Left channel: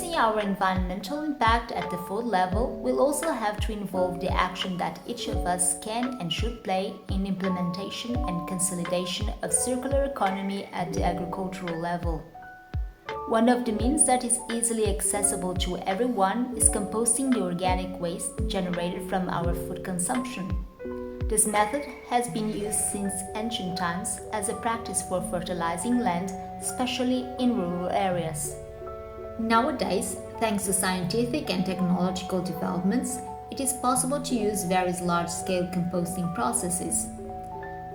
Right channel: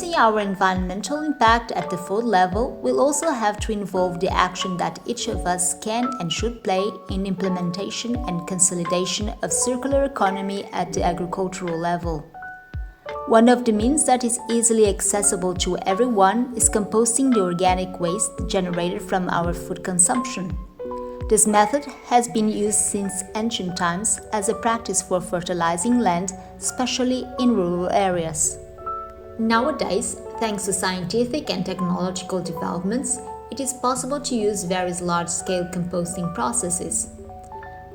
Reducing our environmental impact at the food level will also have to involve the action that each of us can and should play in implementation and consolidation of circular economy at the agricultural level. One of the means that is easily accessible to everyone is composting the organic waste generated from our food consumption. This method has been used since ancient times as a practice for fertilizing land, especially in rural areas. Nowadays, thanks to scientific and technological developments, it is possible to use various large-scale composting processes.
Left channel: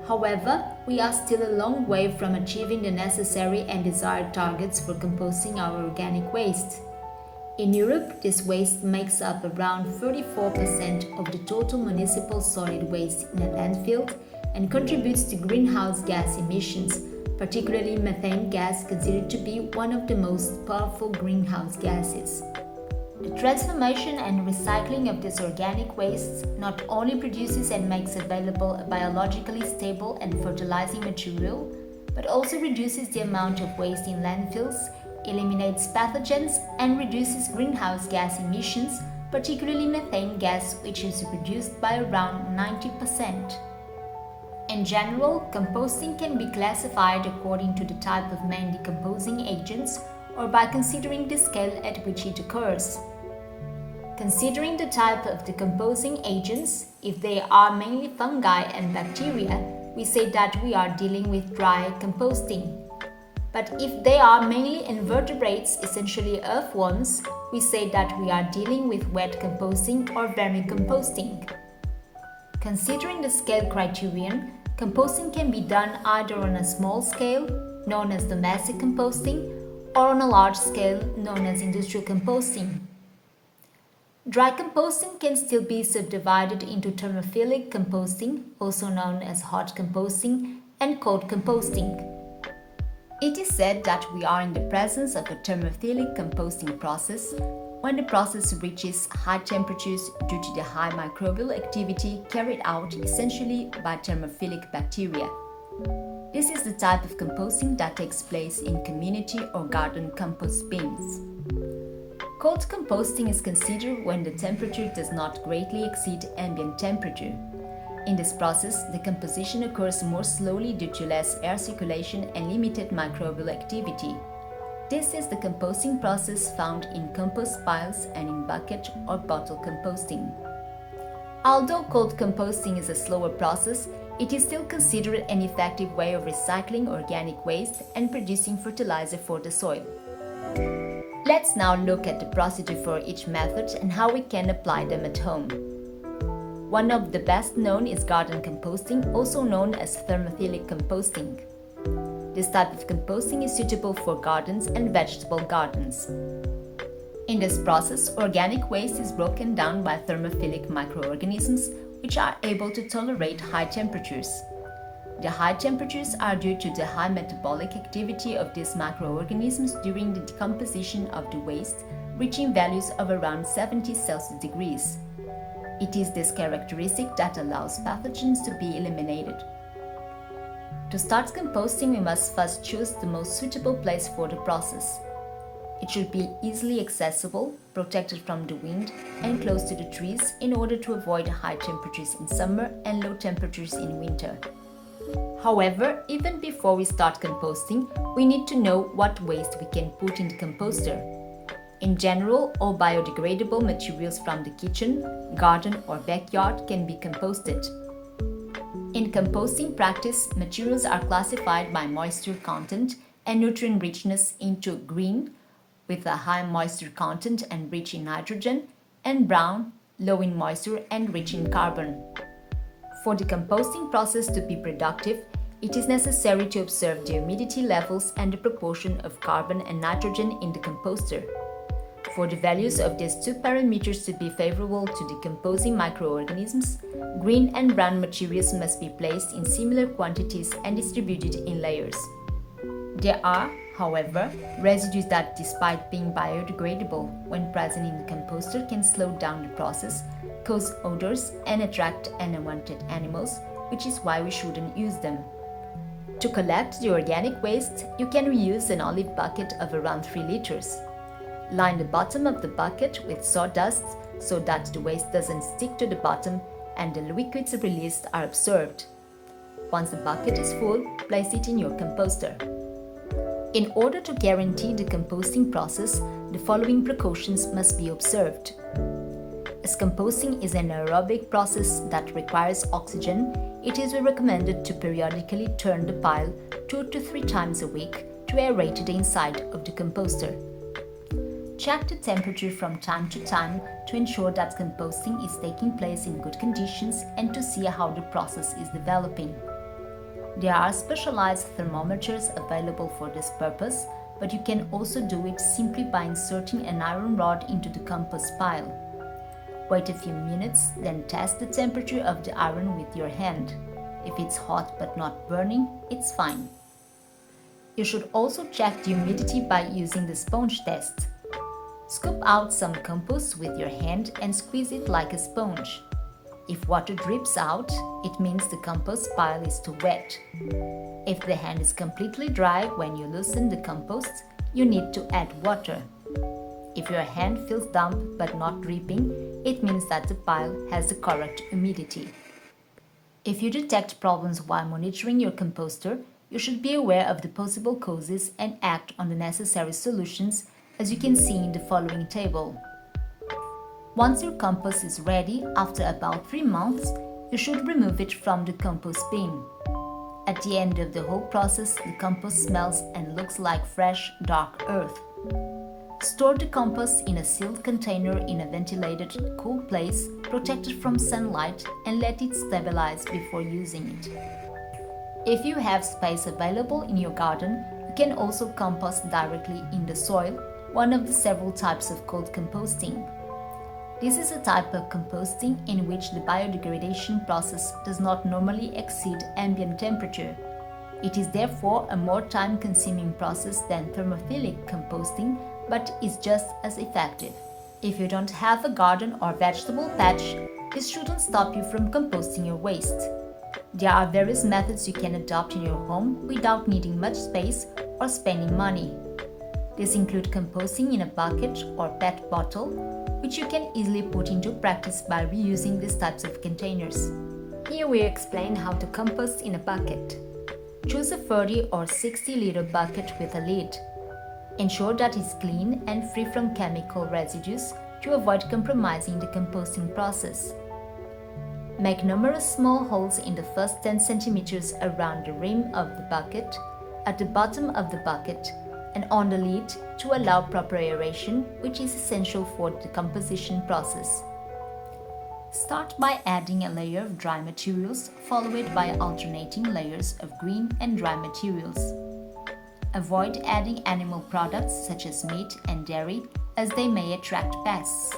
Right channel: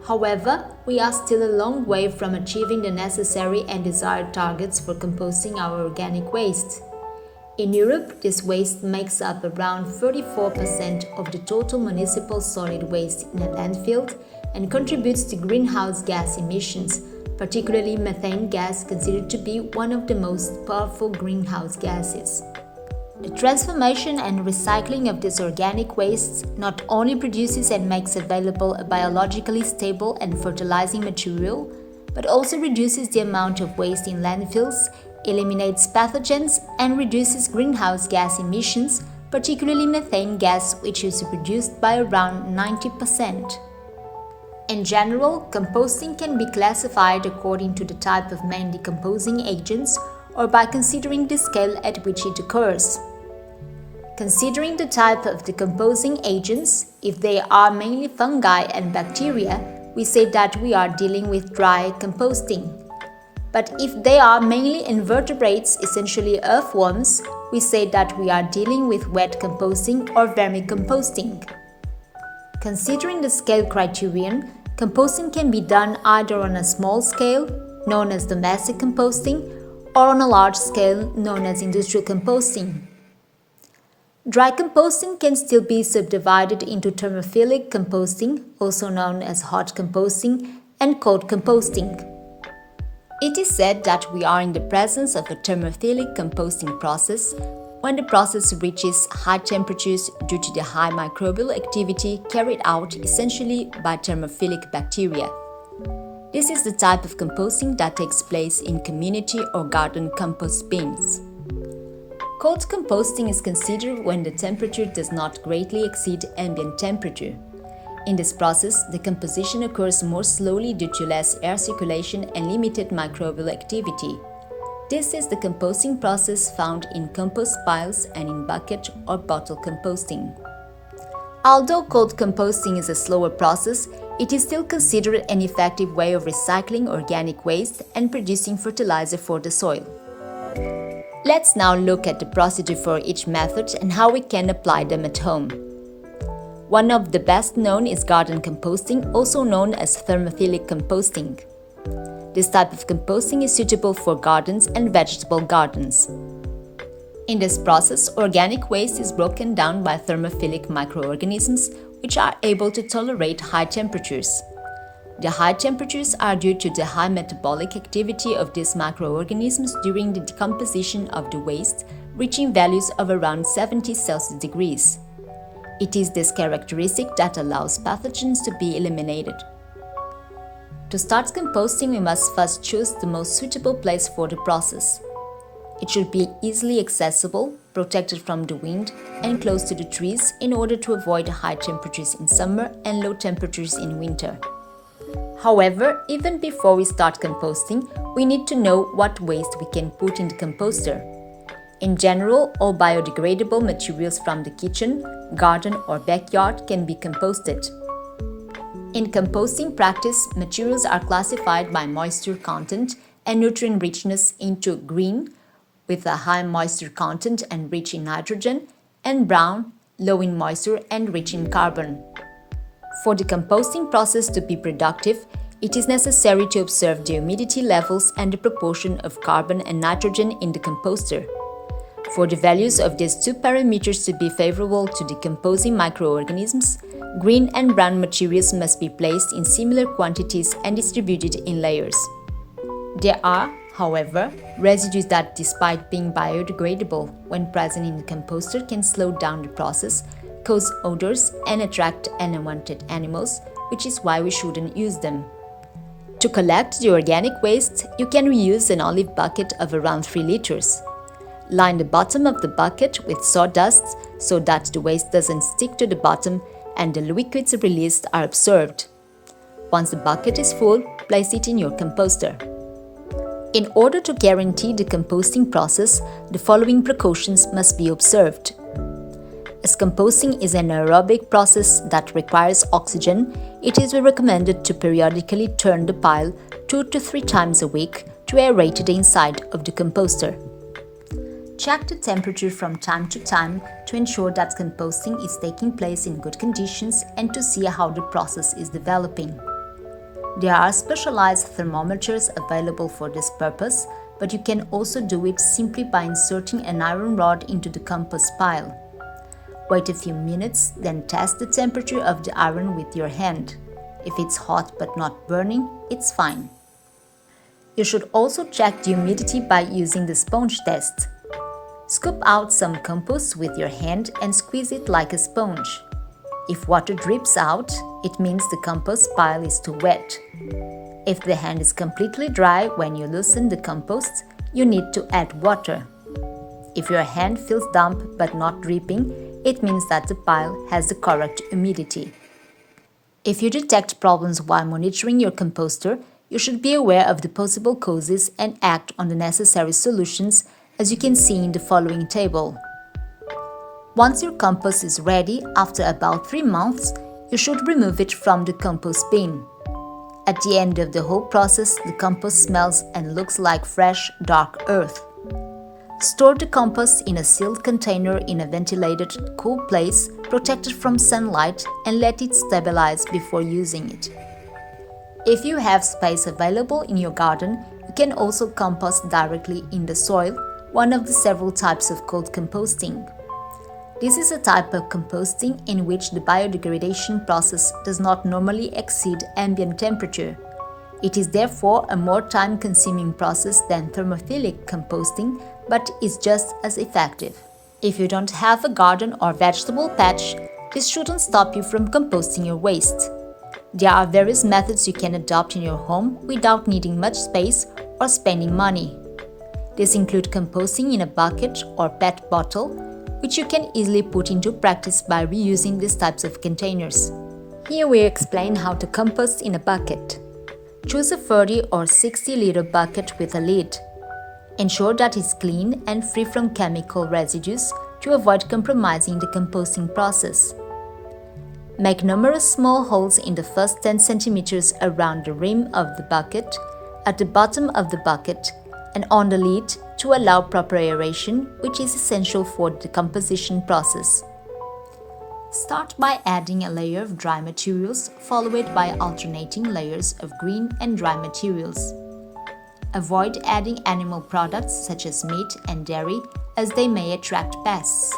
However, we are still a long way from achieving the necessary and desired targets for composting our organic waste. In Europe, this waste makes up around 34% of the total municipal solid waste in a landfill and contributes to greenhouse gas emissions, particularly methane gas, considered to be one of the most powerful greenhouse gases. The transformation and recycling of this organic waste not only produces and makes available a biologically stable and fertilizing material, but also reduces the amount of waste in landfills, eliminates pathogens, and reduces greenhouse gas emissions, particularly methane gas, which is reduced by around 90%. In general, composting can be classified according to the type of main decomposing agents or by considering the scale at which it occurs. Considering the type of decomposing agents, if they are mainly fungi and bacteria, we say that we are dealing with dry composting. But if they are mainly invertebrates, essentially earthworms, we say that we are dealing with wet composting or vermicomposting. Considering the scale criterion, composting can be done either on a small scale, known as domestic composting, or on a large scale, known as industrial composting. Dry composting can still be subdivided into thermophilic composting, also known as hot composting, and cold composting. It is said that we are in the presence of a thermophilic composting process when the process reaches high temperatures due to the high microbial activity carried out essentially by thermophilic bacteria. This is the type of composting that takes place in community or garden compost bins. Cold composting is considered when the temperature does not greatly exceed ambient temperature. In this process, the composition occurs more slowly due to less air circulation and limited microbial activity. This is the composting process found in compost piles and in bucket or bottle composting. Although cold composting is a slower process, it is still considered an effective way of recycling organic waste and producing fertilizer for the soil. Let's now look at the procedure for each method and how we can apply them at home. One of the best known is garden composting, also known as thermophilic composting. This type of composting is suitable for gardens and vegetable gardens. In this process, organic waste is broken down by thermophilic microorganisms, which are able to tolerate high temperatures. The high temperatures are due to the high metabolic activity of these microorganisms during the decomposition of the waste, reaching values of around 70 Celsius degrees. It is this characteristic that allows pathogens to be eliminated. To start composting, we must first choose the most suitable place for the process. It should be easily accessible, protected from the wind, and close to the trees in order to avoid high temperatures in summer and low temperatures in winter. However, even before we start composting, we need to know what waste we can put in the composter. In general, all biodegradable materials from the kitchen, garden, or backyard can be composted. In composting practice, materials are classified by moisture content and nutrient richness into green, with a high moisture content and rich in nitrogen, and brown, low in moisture and rich in carbon. For the composting process to be productive, it is necessary to observe the humidity levels and the proportion of carbon and nitrogen in the composter. For the values of these two parameters to be favorable to decomposing microorganisms, green and brown materials must be placed in similar quantities and distributed in layers. There are, however, residues that, despite being biodegradable when present in the composter, can slow down the process, cause odors, and attract unwanted animals, which is why we shouldn't use them. To collect the organic waste, you can reuse an olive bucket of around 3 liters. Line the bottom of the bucket with sawdust so that the waste doesn't stick to the bottom and the liquids released are absorbed. Once the bucket is full, place it in your composter. In order to guarantee the composting process, the following precautions must be observed. As composting is an aerobic process that requires oxygen, it is recommended to periodically turn the pile 2 to 3 times a week to aerate the inside of the composter. Check the temperature from time to time to ensure that composting is taking place in good conditions and to see how the process is developing. There are specialized thermometers available for this purpose, but you can also do it simply by inserting an iron rod into the compost pile. Wait a few minutes, then test the temperature of the iron with your hand. If it's hot but not burning, it's fine. You should also check the humidity by using the sponge test. Scoop out some compost with your hand and squeeze it like a sponge. If water drips out, it means the compost pile is too wet. If the hand is completely dry when you loosen the compost, you need to add water. If your hand feels damp but not dripping, it means that the pile has the correct humidity. If you detect problems while monitoring your composter, you should be aware of the possible causes and act on the necessary solutions, as you can see in the following table. Once your compost is ready, after about 3 months, you should remove it from the compost bin. At the end of the whole process, the compost smells and looks like fresh, dark earth. Store the compost in a sealed container in a ventilated, cool place, protected from sunlight, and let it stabilize before using it. If you have space available in your garden, you can also compost directly in the soil, one of the several types of cold composting. This is a type of composting in which the biodegradation process does not normally exceed ambient temperature. It is therefore a more time-consuming process than thermophilic composting, but is just as effective. If you don't have a garden or vegetable patch, this shouldn't stop you from composting your waste. There are various methods you can adopt in your home without needing much space or spending money. These include composting in a bucket or PET bottle, which you can easily put into practice by reusing these types of containers. Here we explain how to compost in a bucket. Choose a 30 or 60-liter bucket with a lid. Ensure that it's clean and free from chemical residues to avoid compromising the composting process. Make numerous small holes in the first 10 centimeters around the rim of the bucket, at the bottom of the bucket, and on the lid to allow proper aeration, which is essential for the decomposition process. Start by adding a layer of dry materials, followed by alternating layers of green and dry materials. Avoid adding animal products such as meat and dairy, as they may attract pests.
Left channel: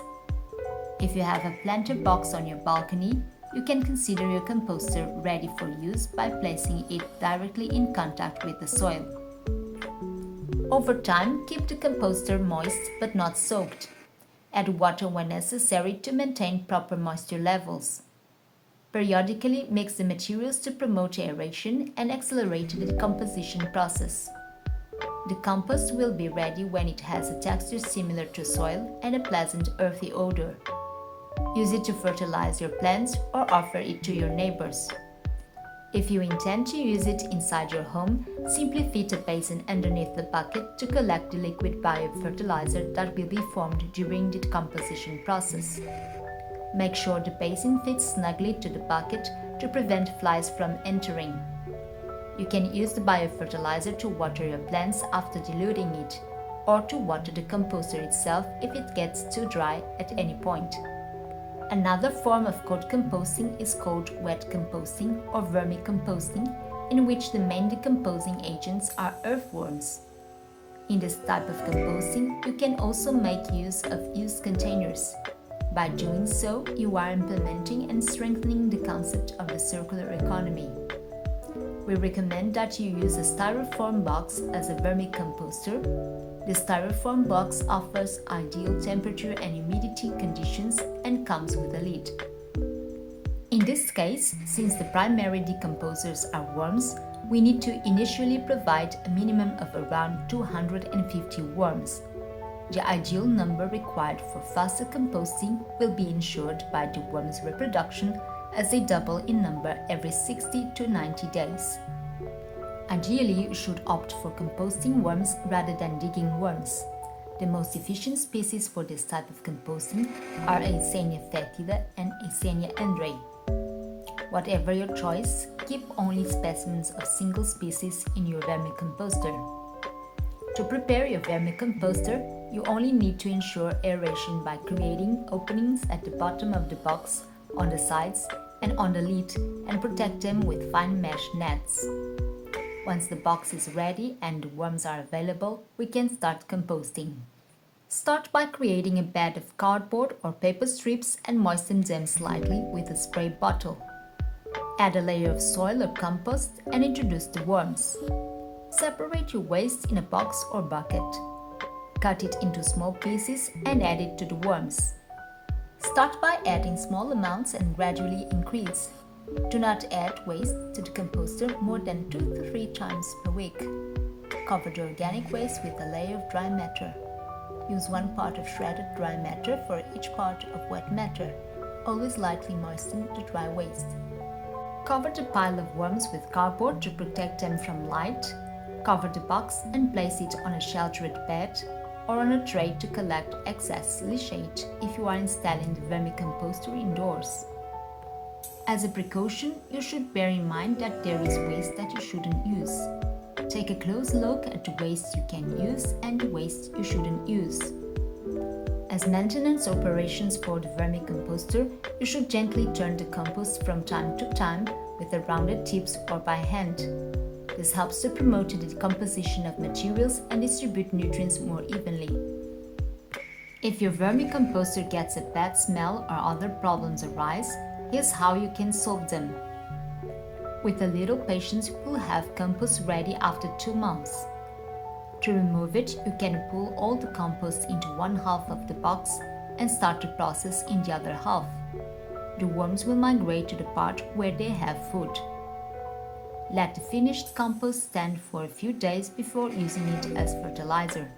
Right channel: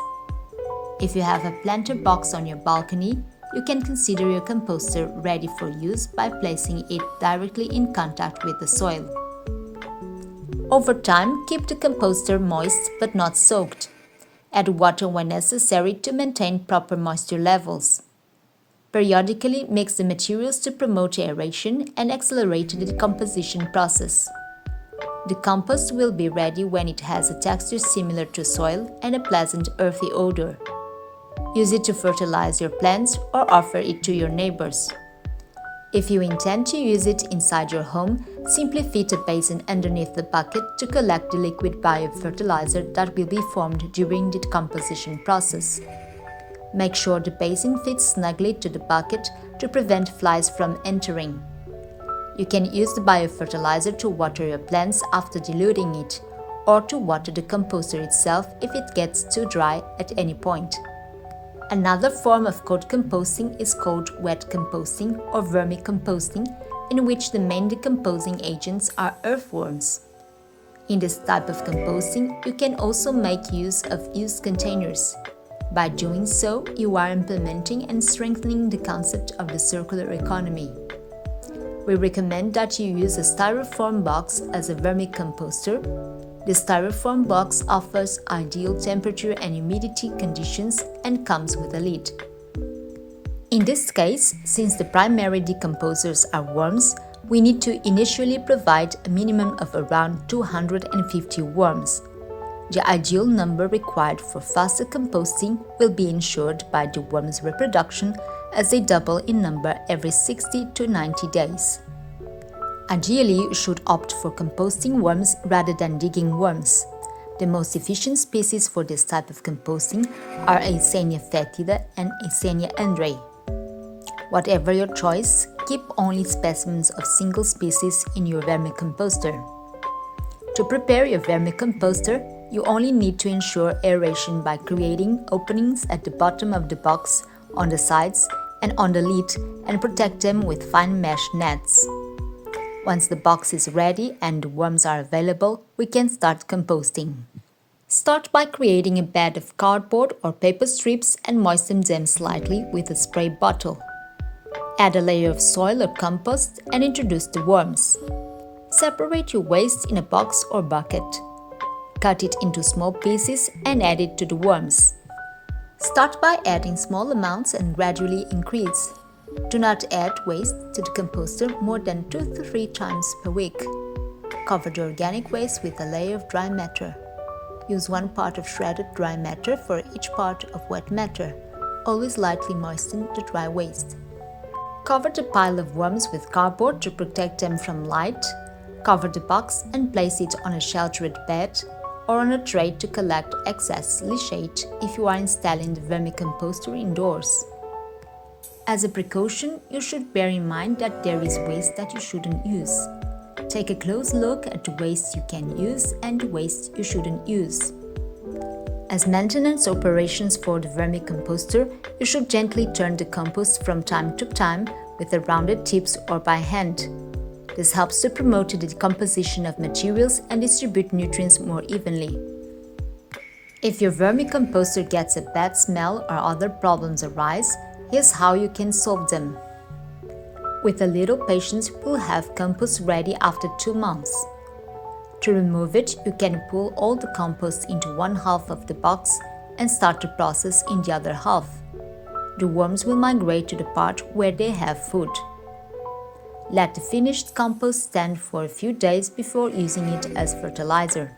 If you have a planter box on your balcony, you can consider your composter ready for use by placing it directly in contact with the soil. Over time, keep the composter moist but not soaked. Add water when necessary to maintain proper moisture levels. Periodically mix the materials to promote aeration and accelerate the decomposition process. The compost will be ready when it has a texture similar to soil and a pleasant earthy odor. Use it to fertilize your plants or offer it to your neighbors. If you intend to use it inside your home, simply fit a basin underneath the bucket to collect the liquid biofertilizer that will be formed during the decomposition process. Make sure the basin fits snugly to the bucket to prevent flies from entering. You can use the biofertilizer to water your plants after diluting it, or to water the composter itself if it gets too dry at any point. Another form of cold composting is called wet composting or vermicomposting, in which the main decomposing agents are earthworms. In this type of composting, you can also make use of used containers. By doing so, you are implementing and strengthening the concept of the circular economy. We recommend that you use a styrofoam box as a vermicomposter. The styrofoam box offers ideal temperature and humidity conditions and comes with a lid. In this case, since the primary decomposers are worms, we need to initially provide a minimum of around 250 worms. The ideal number required for faster composting will be ensured by the worms' reproduction as they double in number every 60 to 90 days. Ideally, you should opt for composting worms rather than digging worms. The most efficient species for this type of composting are Eisenia foetida and Eisenia andrae. Whatever your choice, keep only specimens of single species in your vermicomposter. To prepare your vermicomposter, you only need to ensure aeration by creating openings at the bottom of the box, on the sides, and on the lid, and protect them with fine mesh nets. Once the box is ready and the worms are available, we can start composting. Start by creating a bed of cardboard or paper strips and moisten them slightly with a spray bottle. Add a layer of soil or compost and introduce the worms. Separate your waste in a box or bucket. Cut it into small pieces and add it to the worms. Start by adding small amounts and gradually increase. Do not add waste to the composter more than 2 to 3 times per week. Cover the organic waste with a layer of dry matter. Use 1 part of shredded dry matter for each part of wet matter. Always lightly moisten the dry waste. Cover the pile of worms with cardboard to protect them from light. Cover the box and place it on a sheltered bed or on a tray to collect excess leachate if you are installing the vermicomposter indoors. As a precaution, you should bear in mind that there is waste that you shouldn't use. Take a close look at the waste you can use and the waste you shouldn't use. As maintenance operations for the vermicomposter, you should gently turn the compost from time to time with the rounded tips or by hand. This helps to promote the decomposition of materials and distribute nutrients more evenly. If your vermicomposter gets a bad smell or other problems arise, here's how you can solve them. With a little patience, we'll have compost ready after 2 months. To remove it, you can pull all the compost into one half of the box and start the process in the other half. The worms will migrate to the part where they have food. Let the finished compost stand for a few days before using it as fertilizer.